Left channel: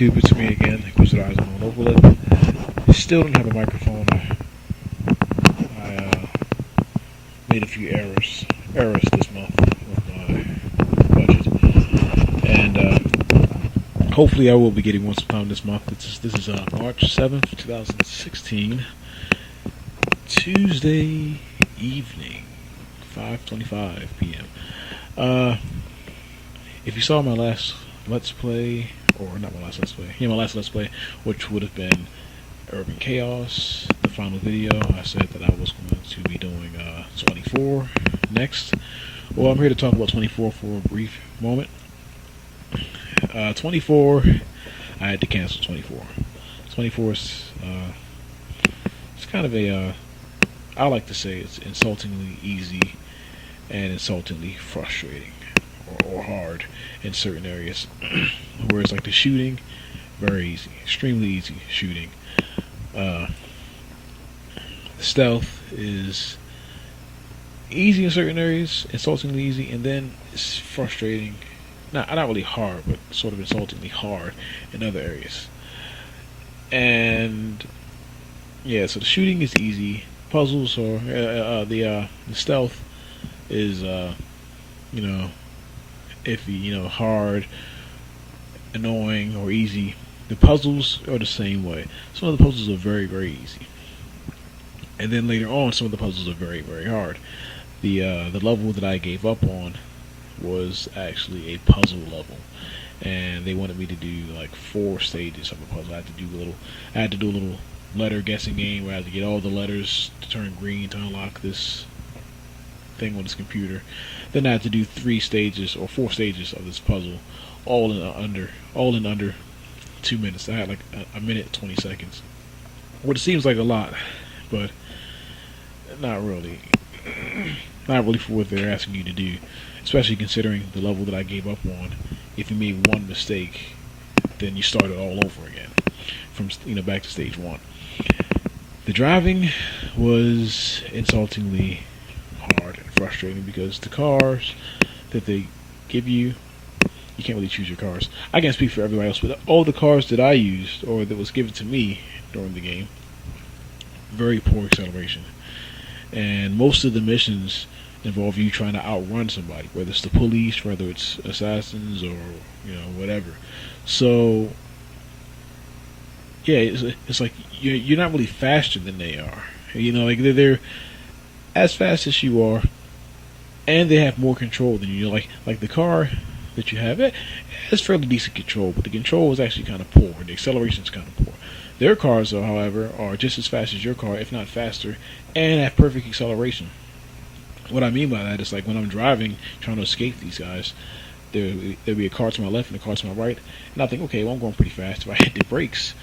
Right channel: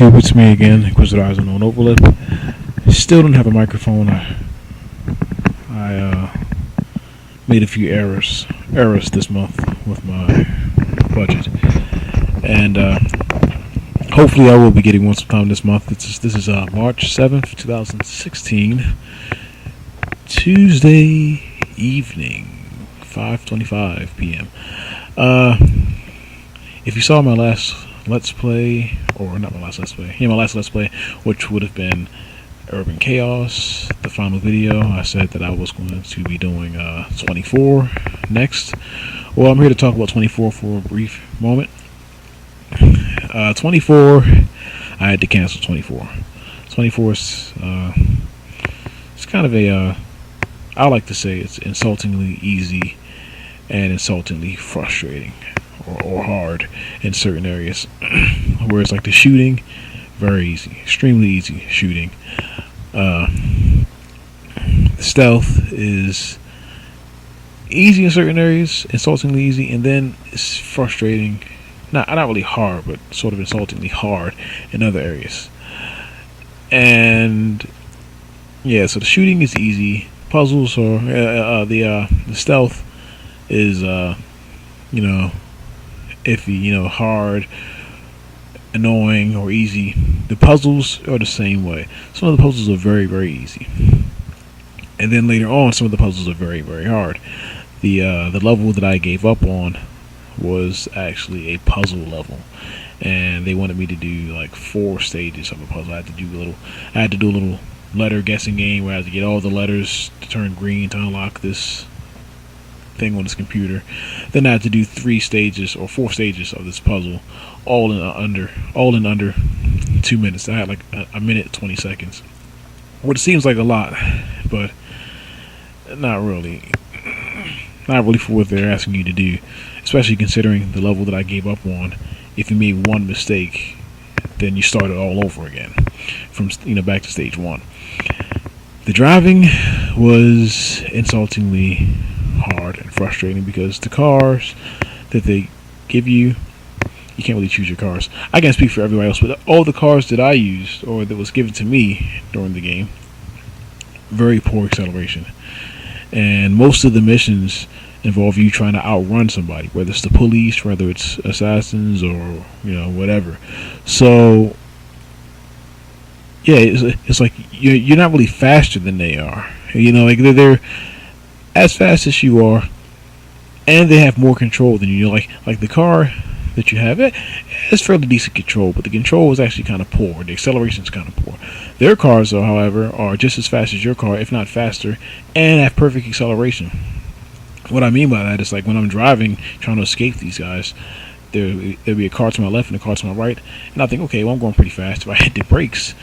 YouTube, it's me again, Inquisitor on Overlip. Still don't have a microphone. I made a few errors this month with my budget, and hopefully I will be getting one sometime this month. This is March 7th, 2016, Tuesday evening, 5:25 p.m. If you saw my last Let's Play, or not my last Let's Play, my last Let's Play, which would have been Urban Chaos, the final video, I said that I was going to be doing 24 next. Well, I'm here to talk about 24 for a brief moment. 24, I had to cancel 24. 24 is it's kind of a, I like to say it's insultingly easy and insultingly frustrating or hard in certain areas. Whereas like the shooting, very easy, extremely easy shooting. The stealth is easy in certain areas, insultingly easy, and then it's frustrating, not really hard, but sort of insultingly hard in other areas. And yeah, so the shooting is easy. Puzzles or the stealth is iffy, hard, annoying, or easy. The puzzles are the same way. Some of the puzzles are very, very easy, and then later on, some of the puzzles are very, very hard. The level that I gave up on was actually a puzzle level, and they wanted me to do like 4 stages of a puzzle. I had to do a little letter guessing game where I had to get all the letters to turn green to unlock this thing on this computer. Then I had to do 3 stages or 4 stages of this puzzle, all in under 2 minutes. I had like a minute and 20 seconds, which seems like a lot, but not really for what they're asking you to do, especially considering the level that I gave up on. If you made one mistake, then you start it all over again from back to stage 1. The driving was insultingly hard and frustrating because the cars that they give you can't really choose your cars. I can't speak for everybody else, but all the cars that I used or that was given to me during the game, very poor acceleration, and most of the missions involve you trying to outrun somebody, whether it's the police, whether it's assassins, or whatever. So yeah, it's like you're not really faster than they are. Like they're as fast as you are, and they have more control than you. Like the car that you have, it has fairly decent control, but the control is actually kind of poor. The acceleration is kind of poor. Their cars, though, however, are just as fast as your car, if not faster, and have perfect acceleration. What I mean by that is, like, when I'm driving, trying to escape these guys, there'll be a car to my left and a car to my right, and I think, okay, well, I'm going pretty fast. If I hit the brakes,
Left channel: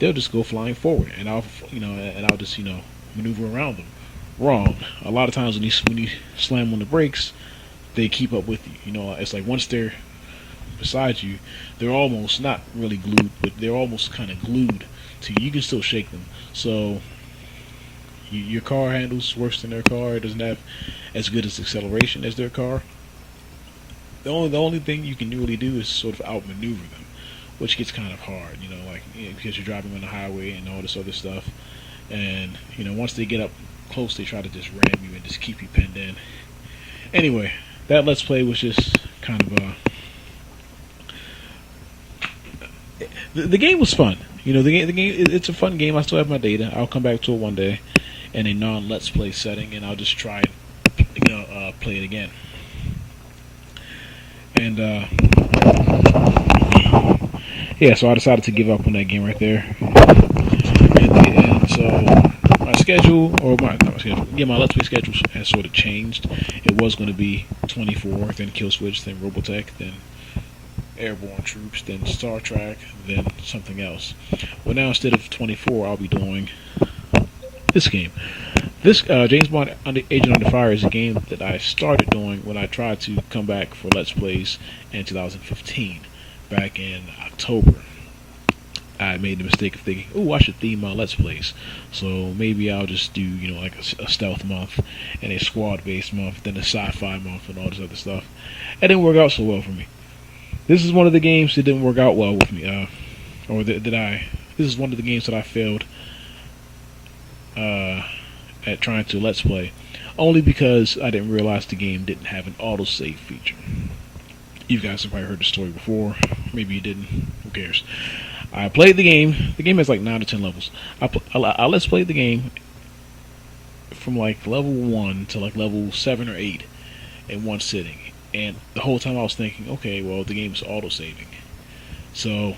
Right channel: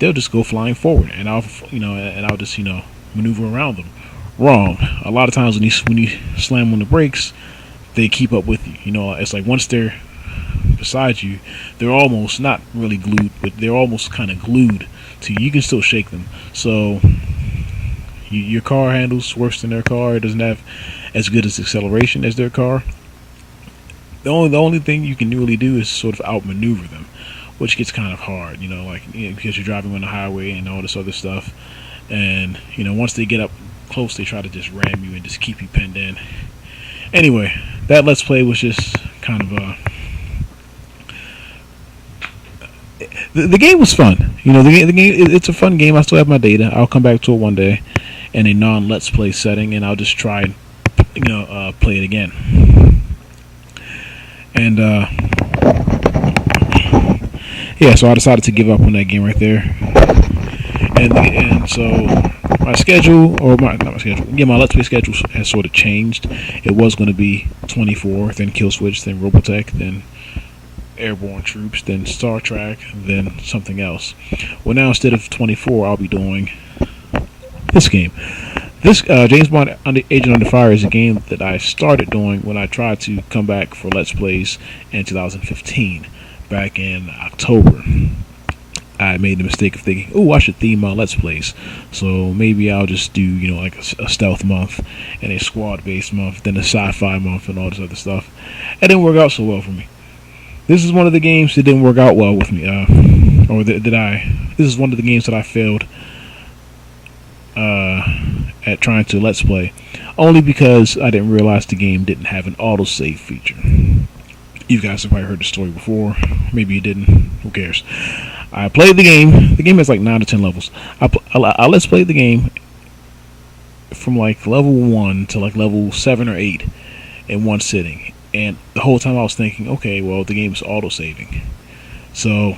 they'll just go flying forward, and I'll just maneuver around them. Wrong. A lot of times when you slam on the brakes, they keep up with you. It's like once they're beside you, they're almost not really glued, but they're almost kind of glued to you. You can still shake them. So your car handles worse than their car. It doesn't have as good as acceleration as their car. The only thing you can really do is sort of outmaneuver them, which gets kind of hard. Because you're driving on the highway and all this other stuff. And once they get up close, they try to just ram you and just keep you pinned in. Anyway, that Let's Play was just kind of the game was fun. The game it's a fun game. I still have my data. I'll come back to it one day in a non-Let's Play setting, and I'll just try and play it again. And yeah, so I decided to give up on that game right there. And so my schedule, or not my schedule, my Let's Play schedule has sort of changed. It was going to be 24, then Kill Switch, then Robotech, then Airborne Troops, then Star Trek, then something else. Well, now instead of 24, I'll be doing this game. This James Bond Agent Under Fire is a game that I started doing when I tried to come back for Let's Plays in 2015, back in October. I made the mistake of thinking, oh, I should theme my Let's Plays. So maybe I'll just do, like a stealth month and a squad-based month, then a sci-fi month and all this other stuff. It didn't work out so well for me. This is one of the games that didn't work out well with me, or did I? This is one of the games that I failed at trying to let's play, only because I didn't realize the game didn't have an autosave feature. You guys have probably heard the story before. Maybe you didn't. Who cares? I played the game. The game has like 9 to 10 levels. I let's play the game from like level 1 to like level 7 or 8 in one sitting. And the whole time I was thinking, okay, well, the game is auto-saving. So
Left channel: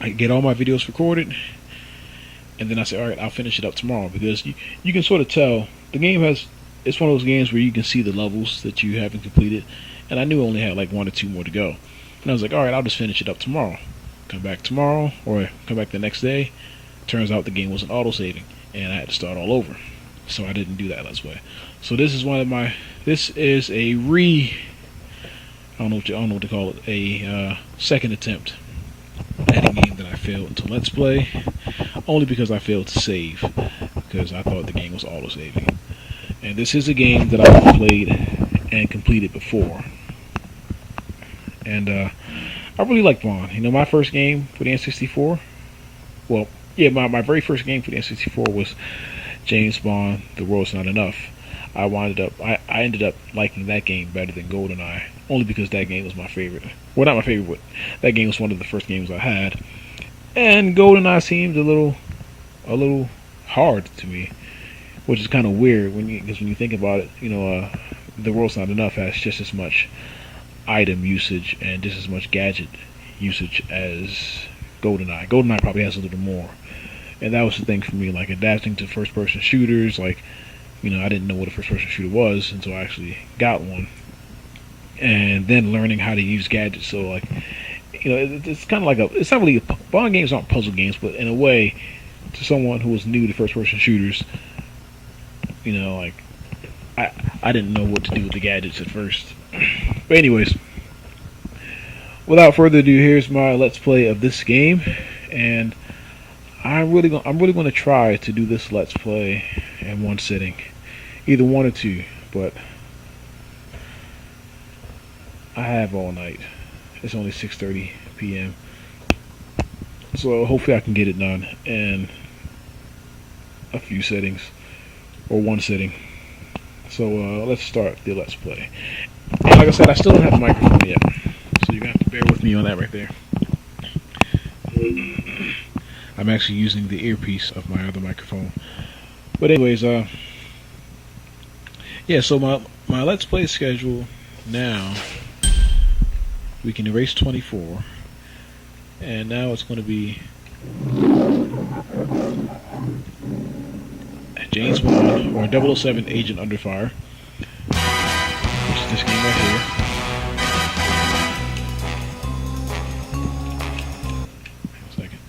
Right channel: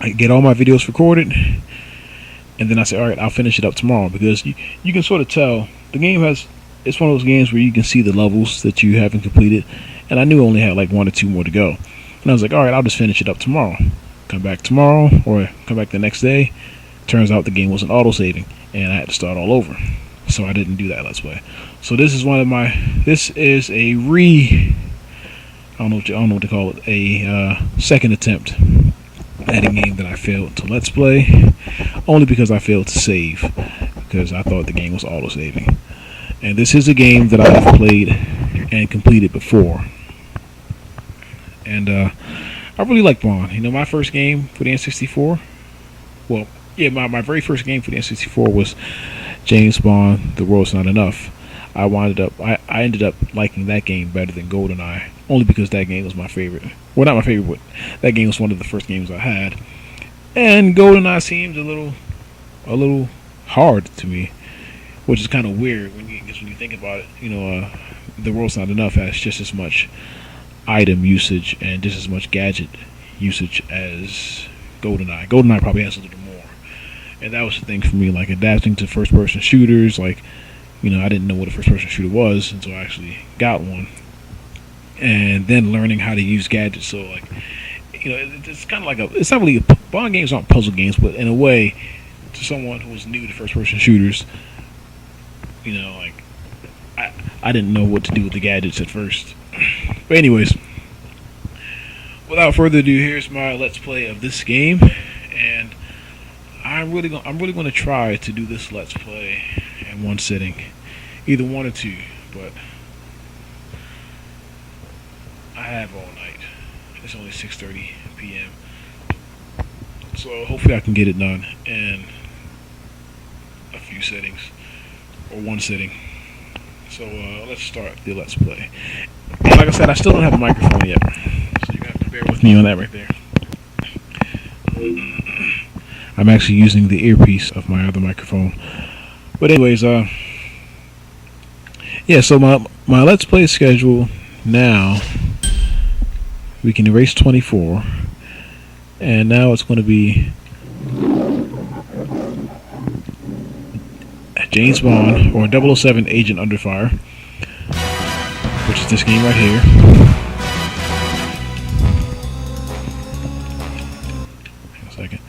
I get all my videos recorded, and then I say, alright, I'll finish it up tomorrow, because you can sort of tell the game has. It's one of those games where you can see the levels that you haven't completed, and I knew I only had like 1 or 2 more to go. And I was like, alright, I'll just finish it up tomorrow. Come back tomorrow, or come back the next day. Turns out the game wasn't auto-saving, and I had to start all over. So I didn't do that let's play. So this is this is a I don't know what to call it, a second attempt at a game that I failed to let's play, only because I failed to save, because I thought the game was auto-saving. And this is a game that I've played and completed before. And I really like Bond. You know, my first game for the N64, well, yeah, my very first game for the N64 was James Bond, The World's Not Enough. I ended up liking that game better than GoldenEye, only because that game was my favorite. Well, not my favorite, but that game was one of the first games I had. And GoldenEye seemed a little hard to me, which is kind of weird because when you think about it, you know, The World's Not Enough has just as much item usage and just as much gadget usage as GoldenEye. GoldenEye probably has a little more, and that was the thing for me, like adapting to first-person shooters. Like, you know, I didn't know what a first-person shooter was until I actually got one, and then learning how to use gadgets. So, like, you know, it's kind of like it's not really Bond games aren't puzzle games, but in a way, to someone who was new to first-person shooters, you know, like I didn't know what to do with the gadgets at first. But anyways, without further ado, here's my let's play of this game, and I'm really going to try to do this let's play in one sitting, either 1 or 2. But I have all night. It's only 6:30 p.m. So hopefully I can get it done in a few settings or one sitting. So let's start the let's play. And like I said, I still don't have a microphone yet, so you're gonna have to bear with me on that right there. I'm actually using the earpiece of my other microphone. But anyways, yeah. So my let's play schedule now. We can erase 24, and now it's going to be James Bond or 007 Agent Under Fire, which is this game right here. Hang on a second.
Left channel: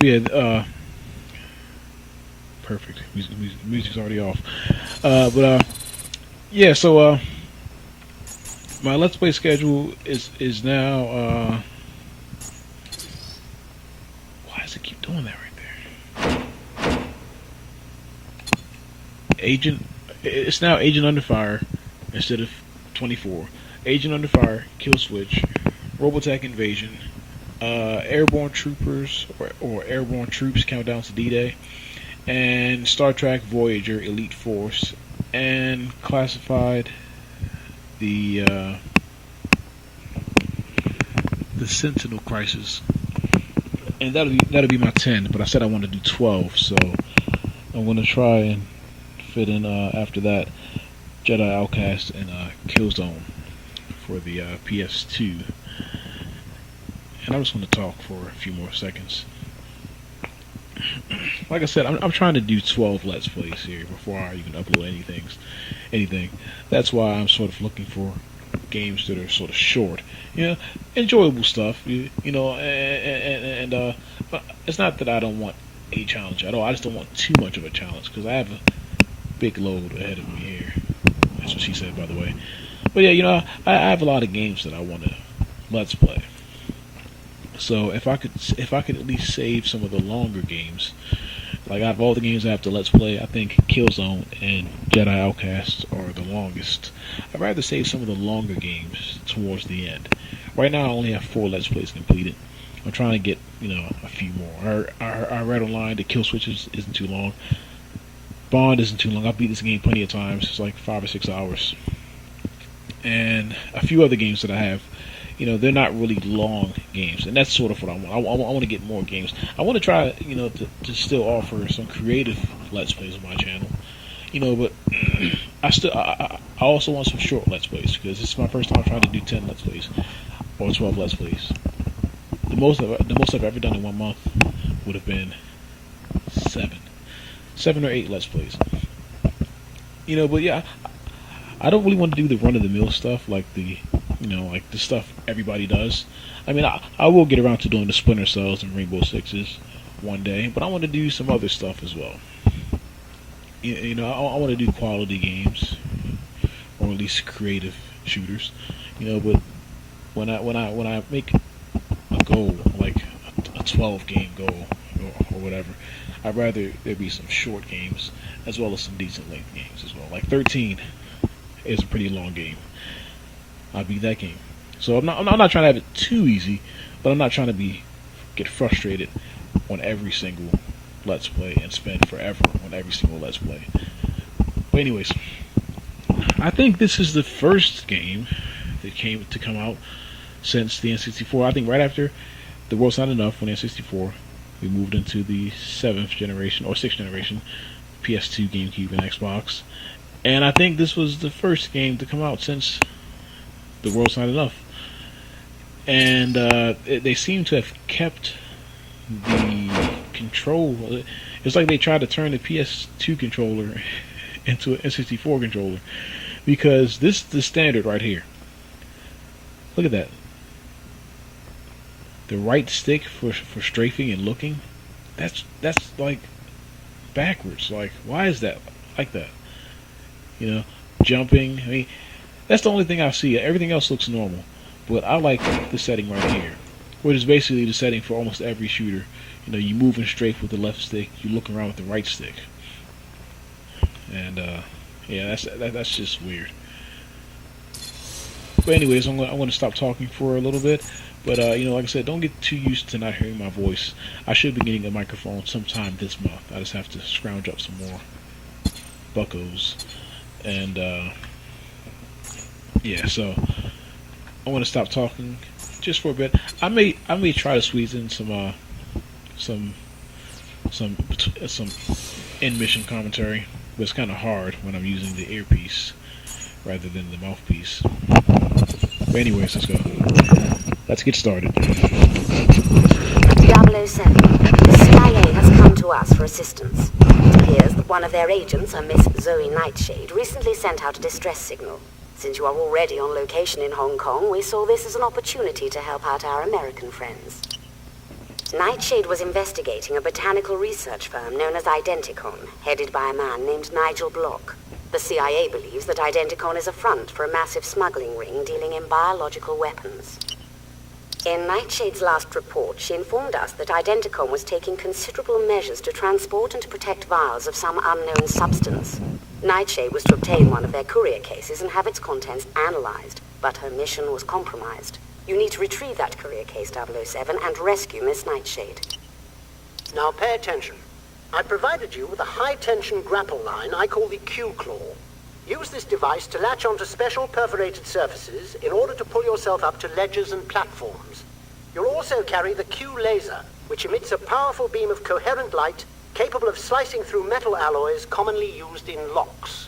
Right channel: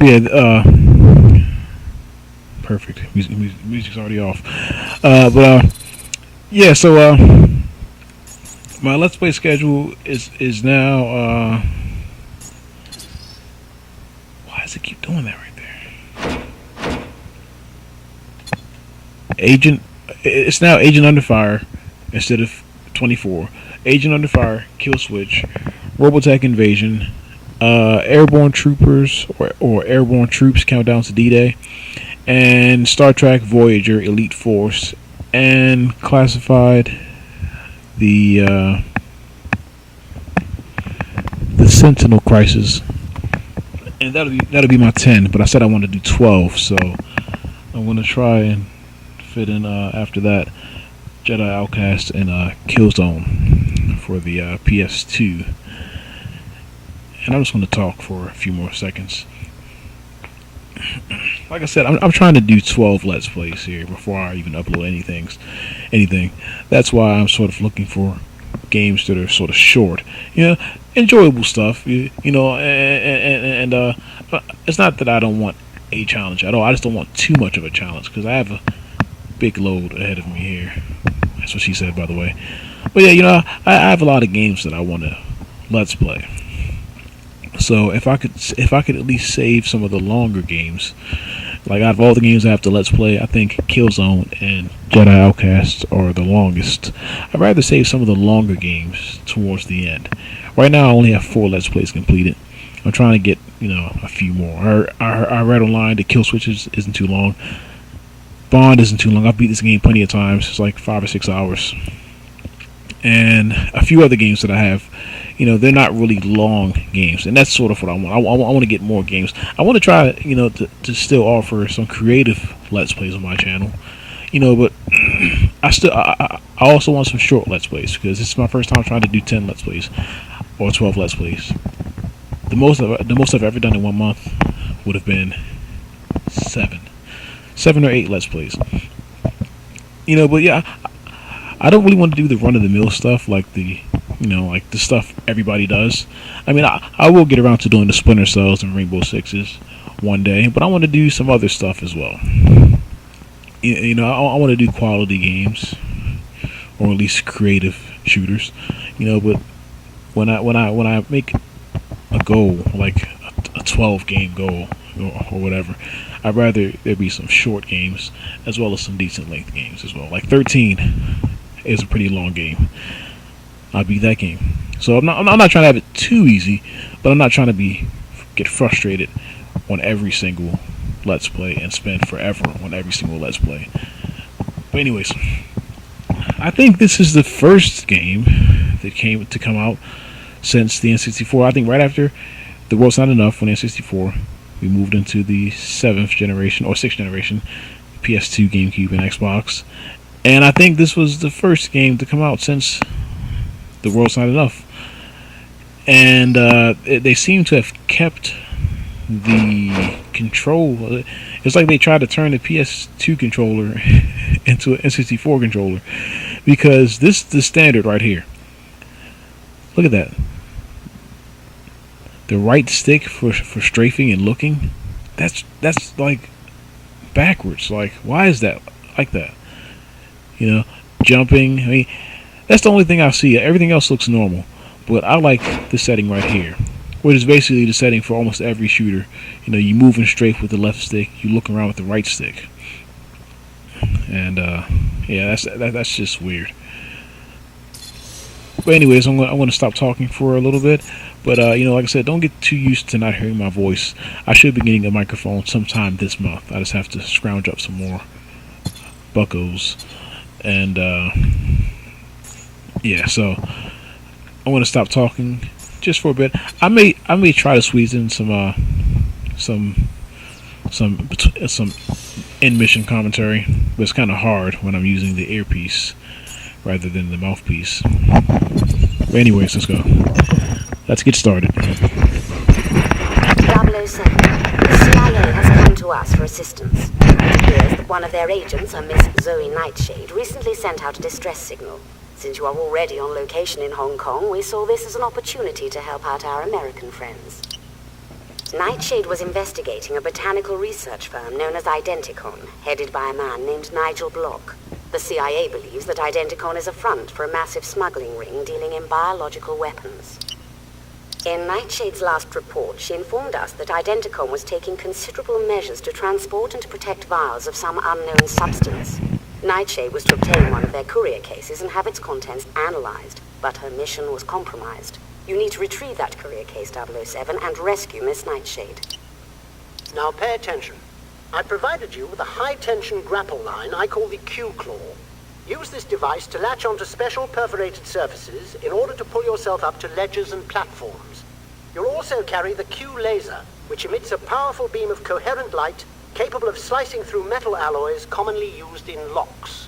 Yeah, perfect. Music's already off. Yeah. So my let's play schedule is now. Why does it keep doing that right there? It's now Agent Under Fire instead of 24. Agent Under Fire, Kill Switch, Robotech Invasion, Airborne Troopers or Airborne Troops Countdown to D-Day, and Star Trek Voyager Elite Force, and Classified the Sentinel Crisis, and that'll be my 10. But I said I want to do 12, so I'm gonna try and fit in after that Jedi Outcast and Killzone for the PS2. And I'm just going to talk for a few more seconds. Like I said, I'm trying to do 12 let's plays here before I even upload anything. That's why I'm sort of looking for games that are sort of short, enjoyable stuff, you know. And it's not that I don't want a challenge at all. I just don't want too much of a challenge because I have a big load ahead of me here. That's what she said, by the way. But yeah, I have a lot of games that I want to let's play. So if I could at least save some of the longer games, like out of all the games I have to Let's Play, I think Killzone and Jedi Outcast are the longest. I'd rather save some of the longer games towards the end. Right now I only have 4 Let's Plays completed. I'm trying to get, a few more. I read online that Kill Switches isn't too long. Bond isn't too long. I've beat this game plenty of times. It's like 5 or 6 hours. And a few other games that I have, they're not really long games, and that's sort of what I want. I want to get more games. I want to try, to still offer some creative Let's Plays on my channel, but I also want some short Let's Plays, because this is my first time trying to do 10 Let's Plays or 12 Let's Plays. The most I've ever done in 1 month would have been 7 or 8 Let's Plays. But yeah, I don't really want to do the run-of-the-mill stuff like the stuff everybody does. I mean, I will get around to doing the Splinter Cells and Rainbow Sixes one day, but I want to do some other stuff as well. I want to do quality games, or at least creative shooters. But when I make a goal, like a 12 game goal or whatever, I'd rather there be some short games as well as some decent length games as well. Like 13 is a pretty long game. I'll beat that game. So I'm not trying to have it too easy, but I'm not trying to get frustrated on every single Let's Play and spend forever on every single Let's Play. But anyways, I think this is the first game that come out since the N64. I think right after The World's Not Enough on N64, we moved into the 7th generation or 6th generation, PS2, GameCube, and Xbox. And I think this was the first game to come out since The World's Not Enough. And they seem to have kept the control. It's like they tried to turn the PS2 controller into an N64 controller, because this is the standard right here. Look at that. The right stick for strafing and looking, that's like backwards. Like, why is that like that? Jumping. I mean, that's the only thing I see. Everything else looks normal, but I like the setting right here, which is basically the setting for almost every shooter. You moving straight with the left stick, you look around with the right stick, and yeah, that's just weird. But anyways, I'm going to stop talking for a little bit. But like I said, don't get too used to not hearing my voice. I should be getting a microphone sometime this month. I just have to scrounge up some more buckos, and yeah. So I'm going to stop talking just for a bit. I may try to squeeze in some in mission commentary, but it's kind of hard when I'm using the earpiece rather than the mouthpiece. But anyways, let's go. Let's get started. 007. The CIA has come to us for assistance. It appears that one of their agents, a Miss Zoe Nightshade, recently sent out a distress signal. Since you are already on location in Hong Kong, we saw this as an opportunity to help out our American friends. Nightshade was investigating a botanical research firm known as Identicon, headed by a man named Nigel Block. The CIA believes that Identicon is a front for a massive smuggling ring dealing in biological weapons. In Nightshade's last report, she informed us that Identicon was taking considerable measures to transport and to protect vials of some unknown substance. Nightshade was to obtain one of their courier cases and have its contents analyzed, but her mission was compromised. You need to retrieve that courier case, 007, and rescue Miss Nightshade. Now pay attention. I provided you with a high-tension grapple line I call the Q-Claw. Use this device to latch onto special perforated surfaces in order to pull yourself up to ledges and platforms. You'll also carry the Q-Laser, which emits a powerful beam of coherent light capable of slicing through metal alloys commonly used in locks.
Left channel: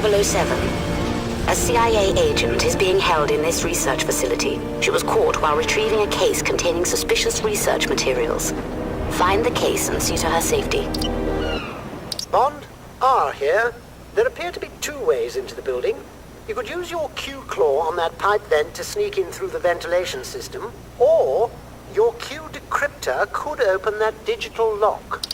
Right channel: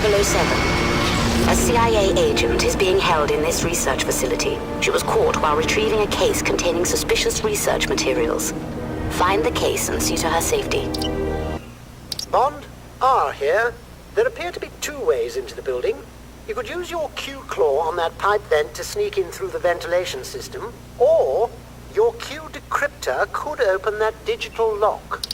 007. A CIA agent is being held in this research facility. She was caught while retrieving a case containing suspicious research materials. Find the case and see to her safety. Bond, R here. There appear to be two ways into the building. You could use your Q-claw on that pipe vent to sneak in through the ventilation system, or your Q decryptor could open that digital lock.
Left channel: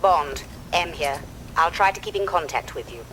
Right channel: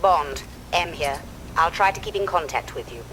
Bond, M here. I'll try to keep in contact with you.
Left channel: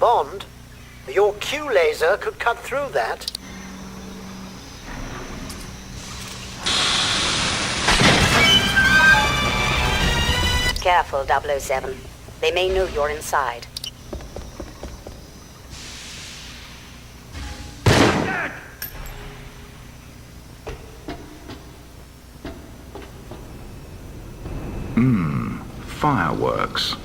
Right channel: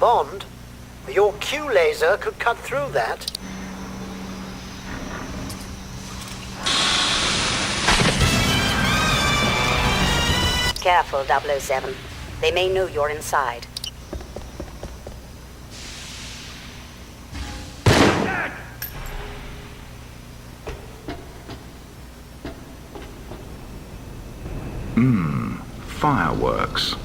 Bond, your Q laser could cut through that. Careful, 007. They may know you're inside. Fireworks.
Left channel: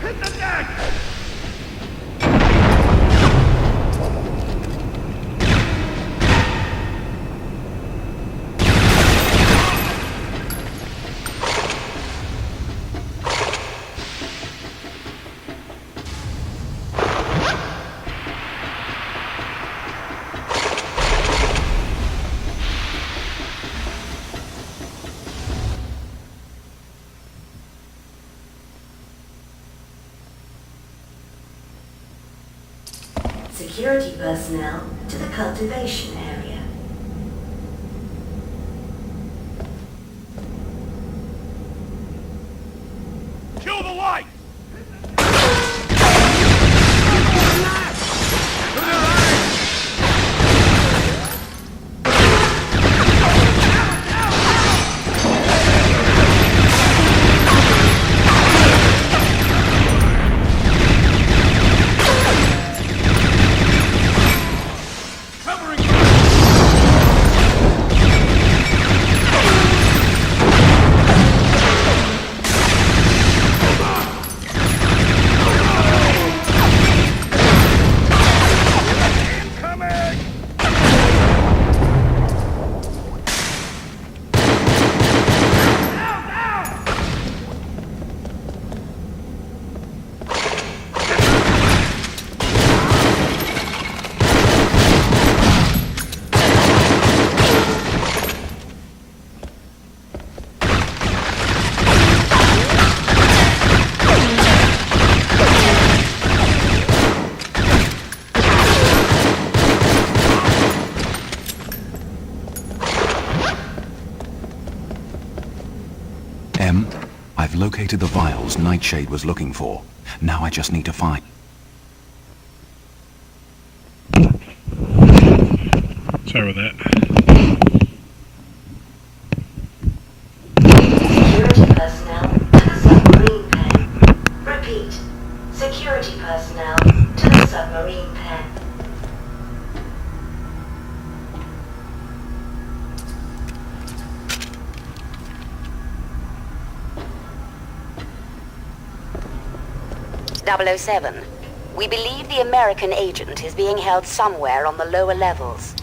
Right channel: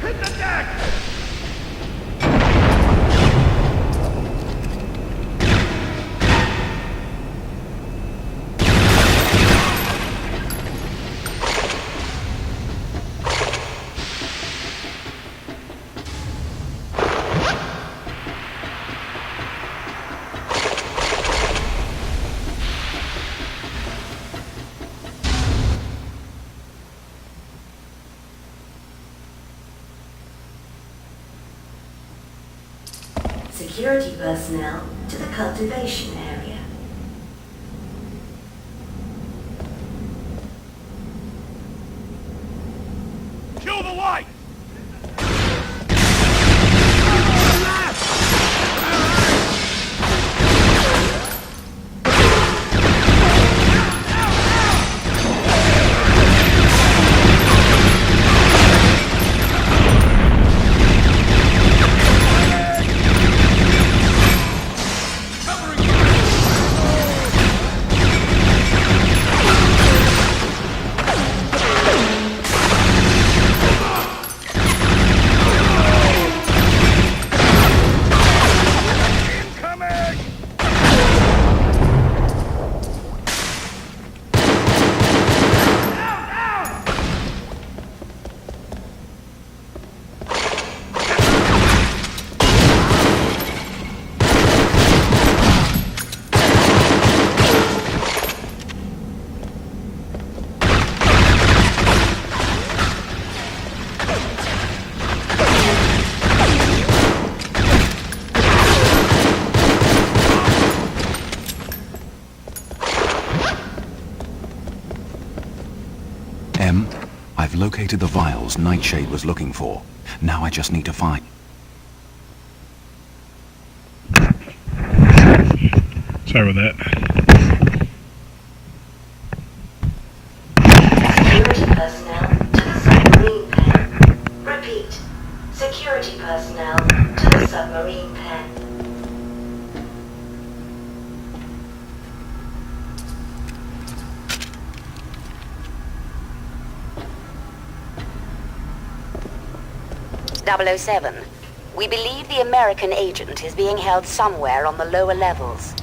Hit the deck! Security personnel to the cultivation area. Kill the light! I've located the vials Nightshade was looking for. Now I just need to find... Sorry about that. Security personnel to the submarine pen. Repeat. Security personnel to the submarine pen. .007. We believe the American agent is being held somewhere on the lower levels.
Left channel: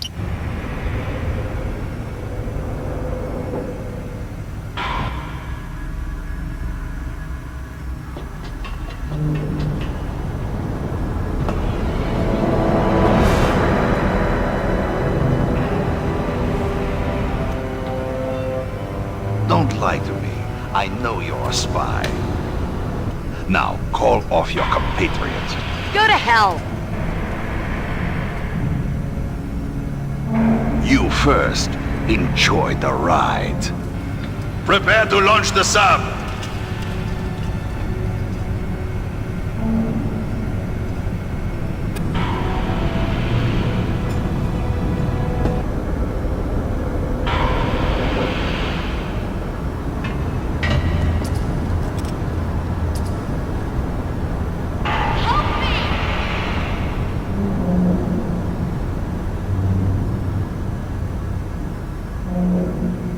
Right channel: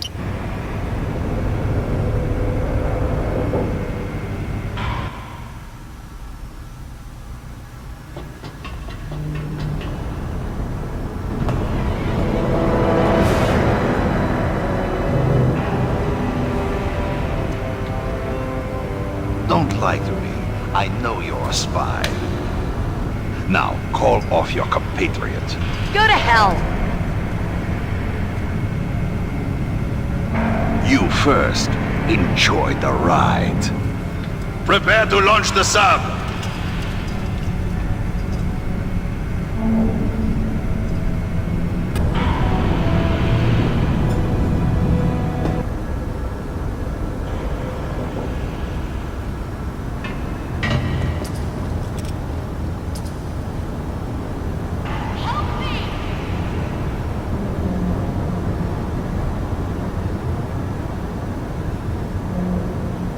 Don't lie to me. I know you're a spy. Now, call off your compatriots. Go to hell! You first. Enjoy the ride. Prepare to launch the sub!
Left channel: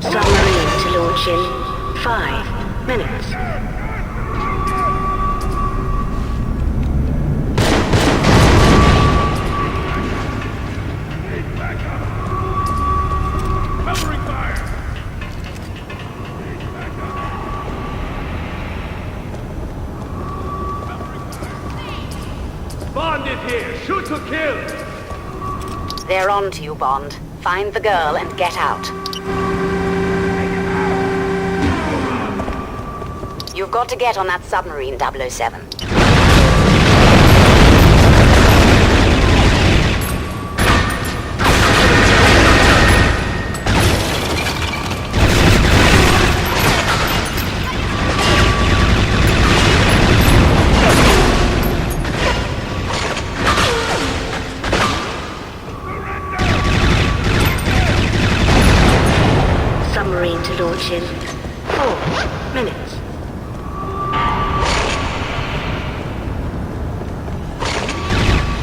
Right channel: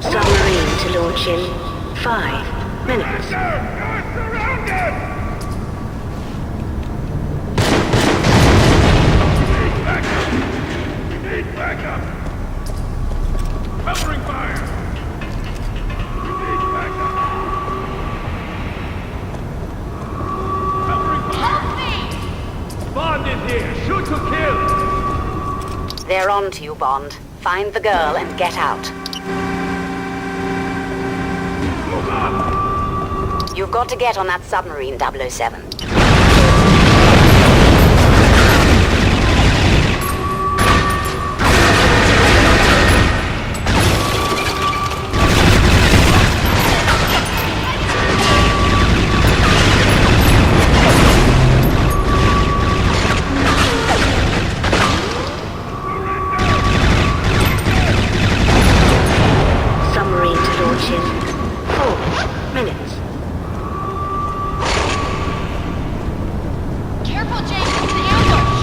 Submarine to launch in 5 minutes. Bond is here. Shoot to kill. They're on to you, Bond. Find the girl and get out. You've got to get on that submarine, 007. Submarine to launch in 4 minutes. Careful, Jake. It's an ambush.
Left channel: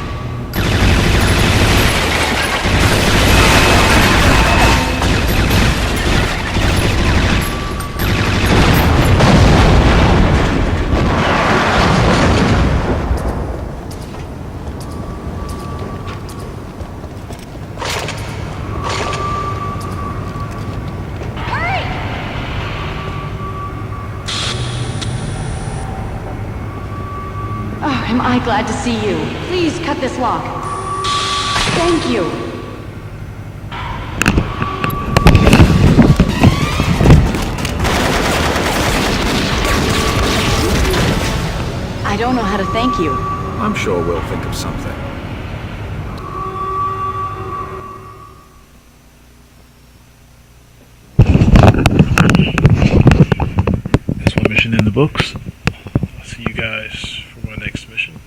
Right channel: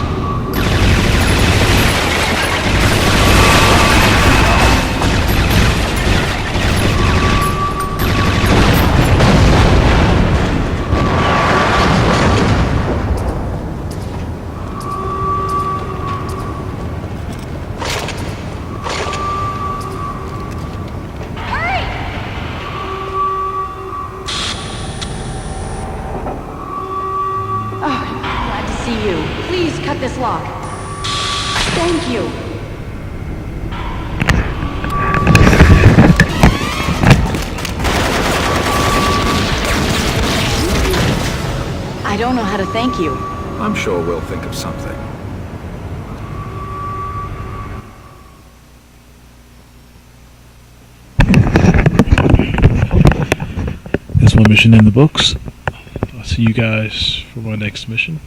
Hurry! Oh, am I glad to see you. Please cut this lock. Thank you. I don't know how to thank you. I'm sure we'll think of something. That's one mission in the books. I'll see you guys for my next mission.